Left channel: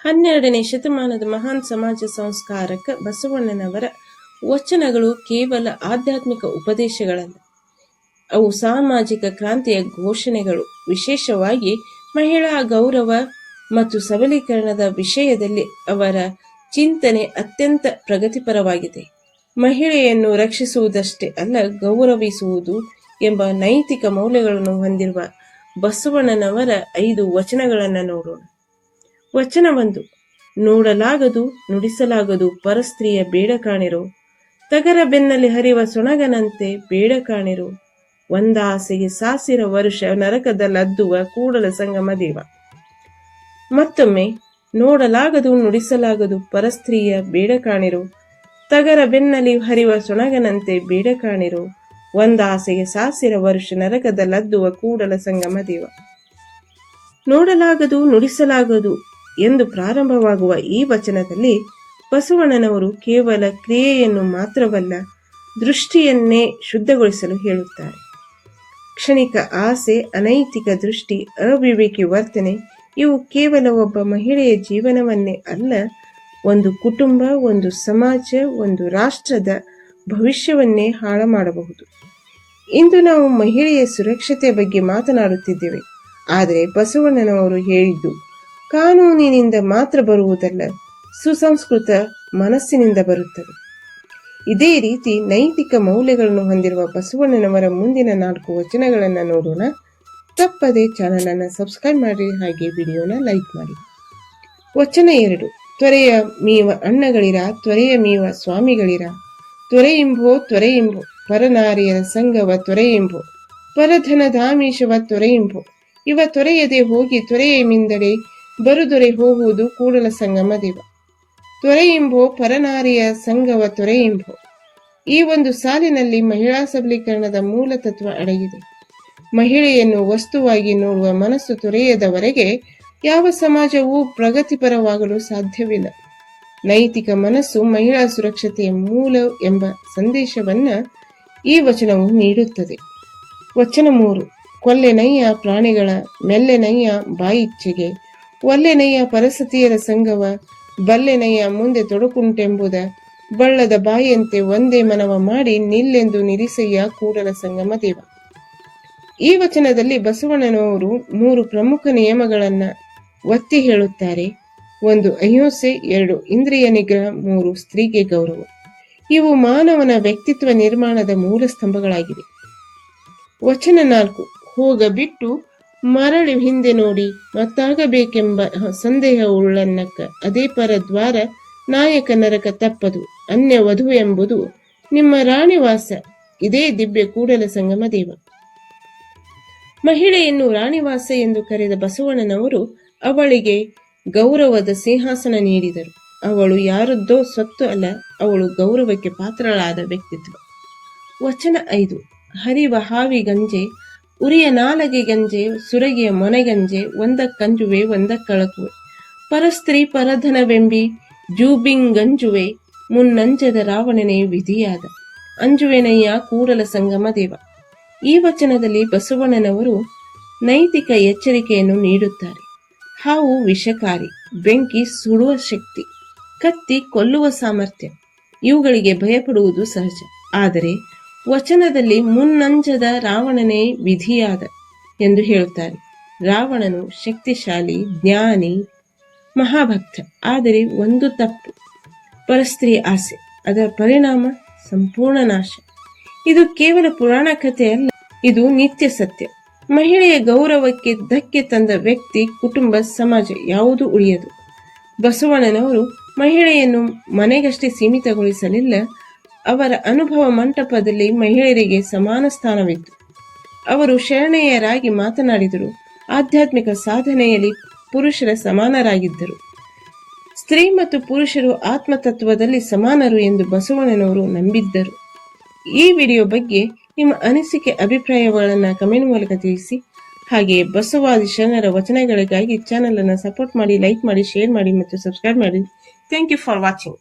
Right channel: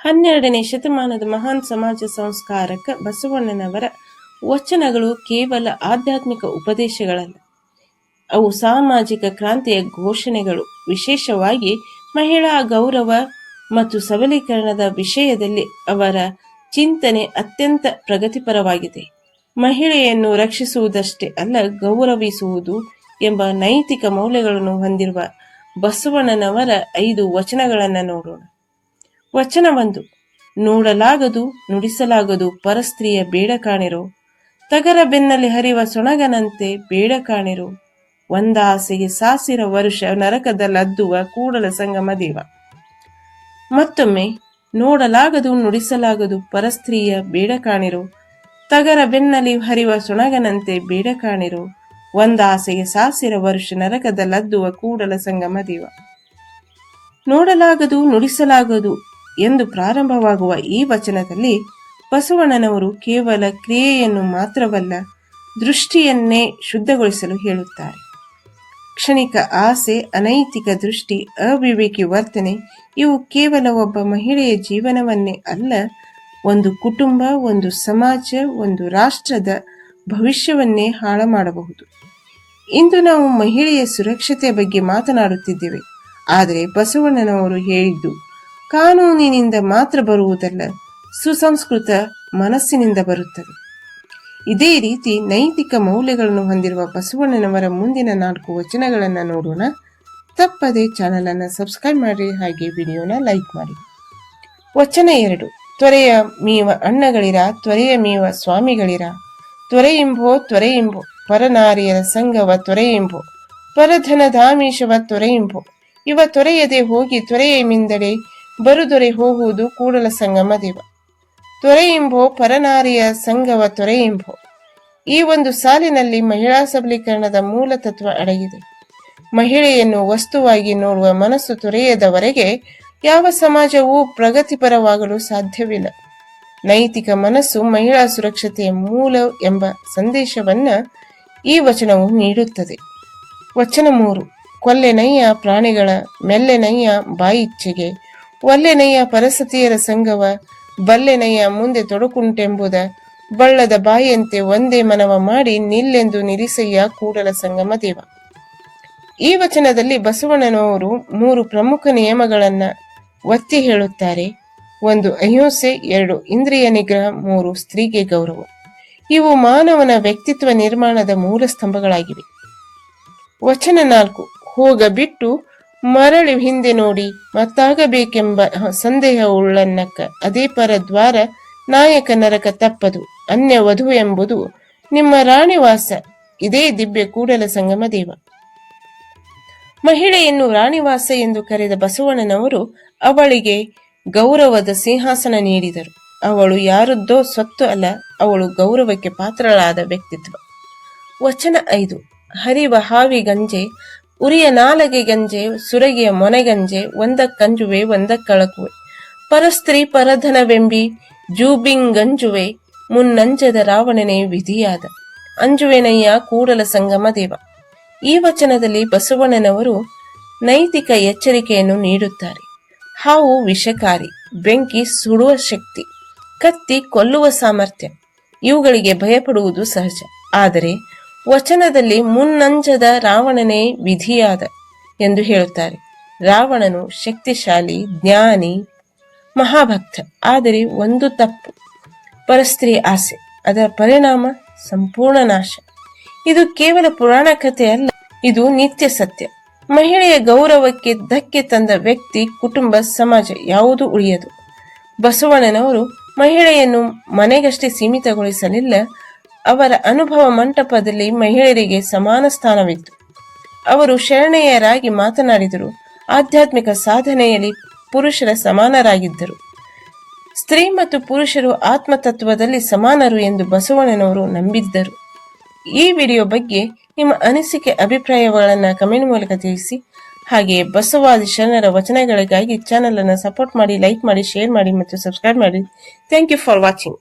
12ನೇ ಶತಮಾನದ ಮಹಾನ್ ಸಮಾಜ ಸಂಸ್ಕಾರಕ ಬಸವಣ್ಣನವರ ವಚನಗಳು ಕೇವಲ ಆಧ್ಯಾತ್ಮಿಕ ಉಪದೇಶಗಳಲ್ಲ, ಅವು ಸಾಮಾಜಿಕ ಕ್ರಾಂತಿಯ ಘೋಷಣೆಗಳು. ವಿಶೇಷವಾಗಿ ಮಹಿಳಾ ಗೌರವ ಮತ್ತು ಸಬಲೀಕರಣದ ವಿಷಯದಲ್ಲಿ ಅವರ ಚಿಂತನೆ ಅತ್ಯಂತ ಪ್ರಗತಿಪರವಾಗಿದೆ. ಮಹಿಳೆಯನ್ನು ರಕ್ಷಿಸುವುದಷ್ಟೇ ಅಲ್ಲ, ಗೌರವಿಸುವುದು ಎಂಬ ನೈತಿಕ ಮೌಲ್ಯಗಳನ್ನು ಹೊಂದಿರುವ ಬಸವಣ್ಣನವರ 5 ವಚನಗಳನ್ನು ನೋಡೋಣ. ವಚನ 1. ನೋಡಲಾಗದು ನುಡಿಸಲಾಗದು ಪರಸ್ತ್ರೀಯ ಬೇಡ ಕಾಣಿರೋ, ತಗರ ಬೆನ್ನಲ್ಲಿ ಹರಿವ ಸೊಣಗನಂತೆ ಬೇಡ ಕಾಣಿರೋ, ಒಂದಾಸೆಗೆ ಸಾಸಿರ ವರುಷ ನರಕದಲ್ಲದ್ದುವ ಕೂಡಲ ಸಂಗಮ ದೇವ. ಮತ್ತೊಮ್ಮೆ, ನೋಡಲಾಗದು ನುಡಿಸಲಾಗದು ಪರಸ್ತ್ರೀಯ ಬೇಡ ಕಾಣಿರೋ, ತಗರ ಬೆನ್ನಲ್ಲಿ ಹರಿವ ಸೊಣಗನಂತೆ ಬೇಡ ಕಾಣಿರೋ, ಒಂದಾಸೆಗೆ ಸಾಸಿರ ವರುಷ ನರಕದಲ್ಲದ್ದುವ ಕೂಡಲ ಸಂಗಮ ದೇವ. ನೋಡಲಾಗದು ನುಡಿಸಲಾಗದು ಎಂದು ಪ್ರಾರಂಭವಾಗುವ ಈ ವಚನದಲ್ಲಿ ಬಸವಣ್ಣನವರು ಕೇವಲ ಕ್ರಿಯೆಯನ್ನು ಮಾತ್ರವಲ್ಲ, ದೃಷ್ಟಿಯನ್ನೇ ಶುದ್ಧಗೊಳಿಸಲು ಹೇಳುತ್ತಾರೆ. ಕ್ಷಣಿಕ ಆಸೆ, ಅನೈತಿಕ ದೃಷ್ಟಿ, ಅವಿವೇಕಿ ವರ್ತನೆ ಇವು ಕೇವಲ ಒಬ್ಬ ಮಹಿಳೆಯ ಜೀವನವನ್ನೇ ಅಲ್ಲ, ಒಂದು ಕುಟುಂಬ, ಒಂದು ಸಮಾಜ, ಒಂದು ರಾಷ್ಟ್ರದ ಭವಿಷ್ಯವನ್ನೇ ಹಾಳು ಮಾಡಬಹುದು. ಇಂದು ನಾವು ಮಹಿಳೆಯ ಸುರಕ್ಷತೆ ಬಗ್ಗೆ ಮಾತನಾಡುತ್ತಿದ್ದೇವೆ. ಆದರೆ ಬಸವಣ್ಣನವರು ಹೇಳಿದ್ದು ಕಾನೂನಿನಿಂದ ಮಾತ್ರ ಬರುವುದಲ್ಲ, ಸುಸಂಸ್ಕೃತ ಮನಸ್ಸಿನಿಂದ ಬರುತ್ತದೆ. ಇದೇ ರೀತಿ ನೈತಿಕ ಮೌಲ್ಯಗಳನ್ನು ಹೊಂದಿರುವ ಬಸವಣ್ಣನವರ ಮುಂದಿನ 4 ವಚನಗಳನ್ನು ನೋಡೋಣ. ತಪ್ಪದೆ ಚಾನಲ್ ಅನ್ನು ಸಬ್ಸ್ಕ್ರೈಬ್ ಮಾಡಿ, ಹಾಗೆ ವಿಡಿಯೋನ ಲೈಕ್ ಮಾಡಿ. ವಚನ 2. ತ್ವರೆಯ ಮೀವ ಅಣ್ಣಗಳಿರ, ತ್ವರೆಯ ಮೀವ ಸ್ವಾಮಿಗಳಿರ, ತ್ವರೆಯಿಂಬೋ ತ್ವರೆಯಿಂಬೋ ಪರನಾರಿಯರ ಸಂಗವ ತ್ವರೆಯಿಂಬೋ, ಪರಧನಧಾಮೀಶವ ತ್ವರೆಯಿಂಬೋ, ಇವ ತೊರೆಯದೆ ಹೋಗಿ ತ್ವರೆಯ ಮಿಂದಡೆ ಬರುದೊರೆ ಹೋಗುವುದು ಕೂಡಲ ಸಂಗಮ ದೇವ. ತ್ವರೆಯಿಂಬೋ ಪರನಾರಿಯ ಸಂಗವ ತೊರೆಯಿಂಬೋ. ಈ ಒಂದು ಸಾಲಿನಲ್ಲಿ ಮಹಿಳಾ ಸಬಲೀಕರಣದ ಮೂಲ ತತ್ವ ಅಡಗಿದೆ. ಮಹಿಳೆಯನ್ನು ವಸ್ತುವಾಗಿ ನೋಡುವ ಮನಸ್ಸು ತೊರೆಯದವರೆಗೆ ಯಾವ ಸಮಾಜವೂ ಪ್ರಗತಿಪರವಾಗಲು ಸಾಧ್ಯವಿಲ್ಲ. ನೈತಿಕ ಮನಸ್ಸು ಮಹಿಳಾ ಸುರಕ್ಷತೆಯ ಮೂಲ ಎಂಬ ಸಂದೇಶವನ್ನ ಈ ವಚನವು ನೀಡುತ್ತದೆ. ವಚನ 3. ಕೊಲ್ಲೆನಯ್ಯ ಪ್ರಾಣಿಗಳ ಮೆಲ್ಲೆನಯ್ಯ ಬಾಯಿಚ್ಛೆಗೆ, ಒಲ್ಲೆನಯ್ಯ ಪರಸತಿಯರ ಸಂಗವ, ಬಲ್ಲೆನಯ್ಯ ಮುಂದೆ ತೊಡಕುಂಟೆಂಬುದ, ಬಳ್ಳದ ಬಾಯಿಯಂತೆ ಒಂದೇ ಮನವ ಮಾಡಿ ನಿಲ್ಲೆಂದು ನಿರಿಸಯ್ಯ ಕೂಡಲ ಸಂಗಮ ದೇವ. ಈ ವಚನದಲ್ಲಿ ಬಸವಣ್ಣನವರು 3 ಪ್ರಮುಖ ನಿಯಮಗಳನ್ನ ಒತ್ತಿ ಹೇಳುತ್ತಾರೆ. 1. ಅಹಿಂಸೆ, 2. ಇಂದ್ರಿಯ ನಿಗ್ರಹ, 3. ಸ್ತ್ರೀಗೆ ಗೌರವ. ಇವು ಮಾನವನ ವ್ಯಕ್ತಿತ್ವ ನಿರ್ಮಾಣದ ಮೂಲ ಸ್ತಂಭಗಳಾಗಿವೆ. ವಚನ 4. ಹೋಗ ಬಿಟ್ಟು ಮರಳಿ ಹಿಂದೆ ನೋಡಿ ಮತ್ತಾಗಬೇಕೆಂಬ ಸಂದೇಹ ಉಳ್ಳನ್ನಕ್ಕ, ಅದೇ ಪರದ್ವಾರ ನಾಯಕ ನರಕ ತಪ್ಪದು, ಅನ್ಯ ವಧು ಎಂಬುದು ನಿಮ್ಮ ರಾಣಿವಾಸ, ಇದೇ ದಿವ್ಯ ಕೂಡಲ ಸಂಗಮ ದೇವ. ಮಹಿಳೆಯನ್ನು ರಾಣಿವಾಸ ಎಂದು ಕರೆದ ಬಸವಣ್ಣನವರು ಅವಳಿಗೆ ಗೌರವದ ಸಿಂಹಾಸನ ನೀಡಿದರು. ಅವಳು ಯಾರದ್ದೋ ಸ್ವತ್ತು ಅಲ್ಲ, ಅವಳು ಗೌರವಕ್ಕೆ ಪಾತ್ರಳಾದ ವ್ಯಕ್ತಿತ್ವ. ವಚನ 5. ಹರಿವ ಹಾವಿ ಗಂಜೆ, ಉರಿಯ ನಾಲಗೆ ಗಂಜೆ, ಸುರಗಿಯ ಮೊನೆಗಂಜೆ, ಒಂದಕ್ಕಂಜುವೆ ಒಂದಕ್ಕಳಕುವೆ, ಪರಸ್ತ್ರೀ ಪರಧನವೆಂಬಿ ಜೂಬಿಂಗಂಜುವೆ, ಮುನ್ನಂಜದ ರಾವಣನೇ ವಿಧಿಯಾದ, ಅಂಜುವೆನಯ್ಯ ಕೂಡಲ ಸಂಗಮ ದೇವ. ಈ ವಚನದಲ್ಲಿ ಬಸವಣ್ಣನವರು ನೈತಿಕ ಎಚ್ಚರಿಕೆಯನ್ನು ನೀಡುತ್ತಾರೆ. ಹಾವು ವಿಷಕಾರಿ, ಬೆಂಕಿ ಸುಡುವ ಶಕ್ತಿ, ಕತ್ತಿ ಕೊಲ್ಲುವ ಸಾಮರ್ಥ್ಯ, ಇವುಗಳಿಗೆ ಭಯಪಡುವುದು ಸಹಜ. ಆದರೆ ವಚನದಲ್ಲಿ ಮುನ್ನಂಜದ ರಾವಣನೇ ವಿಧಿಯಾದ ಎಂದು ಹೇಳುತ್ತಾರೆ. ರಾವಣನು ಶಕ್ತಿಶಾಲಿ, ಜ್ಞಾನಿ, ಮಹಾಭಕ್ತ. ಆದರೆ ಒಂದು ತಪ್ಪು, ಪರಸ್ತ್ರೀ ಆಸೆ. ಅದರ ಪರಿಣಾಮ ಸಂಪೂರ್ಣ ನಾಶ. ಇದು ಕೇವಲ ಪುರಾಣ ಕಥೆ ಅಲ್ಲ, ಇದು ನಿತ್ಯ ಸತ್ಯ. ಮಹಿಳೆಯ ಗೌರವಕ್ಕೆ ಧಕ್ಕೆ ತಂದ ವ್ಯಕ್ತಿ, ಕುಟುಂಬ, ಸಮಾಜ ಯಾವುದೂ ಉಳಿಯದು. ಬಸವಣ್ಣನವರು ಮಹಿಳೆಯನ್ನು ಮನೆಗಷ್ಟೇ ಸೀಮಿತಗೊಳಿಸಲಿಲ್ಲ. ಅವರ ಅನುಭವ ಮಂಟಪದಲ್ಲಿ ಮಹಿಳೆಯರಿಗೆ ಸಮಾನ ಸ್ಥಾನವಿತ್ತು. ಅವರು ಶರಣೆಯರಾಗಿ ಮಾತನಾಡಿದರು. ಆಧ್ಯಾತ್ಮಿಕ ಸಾಧನೆಯಲ್ಲಿ ಪುರುಷರ ಸಮಾನರಾಗಿದ್ದರು. ಸ್ತ್ರೀ ಮತ್ತು ಪುರುಷರು ಆತ್ಮತತ್ವದಲ್ಲಿ ಸಮಾನರು ಎಂದು ಬಸವಣ್ಣನವರು ನಂಬಿದ್ದರು. ಈ ವಿಡಿಯೋ ಬಗ್ಗೆ ನಿಮ್ಮ ಅನಿಸಿಕೆ, ಅಭಿಪ್ರಾಯಗಳನ್ನು ಕಮೆಂಟ್ ಮೂಲಕ ತಿಳಿಸಿ. ಹಾಗೆಯೇ ಬಸವಾದಿ ಶರಣರ ವಚನಗಳಿಗಾಗಿ ಚಾನಲ್ ಅನ್ನು ಸಪೋರ್ಟ್ ಮಾಡಿ, ಲೈಕ್ ಮಾಡಿ, ಶೇರ್ ಮಾಡಿ ಮತ್ತು ಸಬ್ಸ್ಕ್ರೈಬ್ ಮಾಡಿ. Thank you for watching.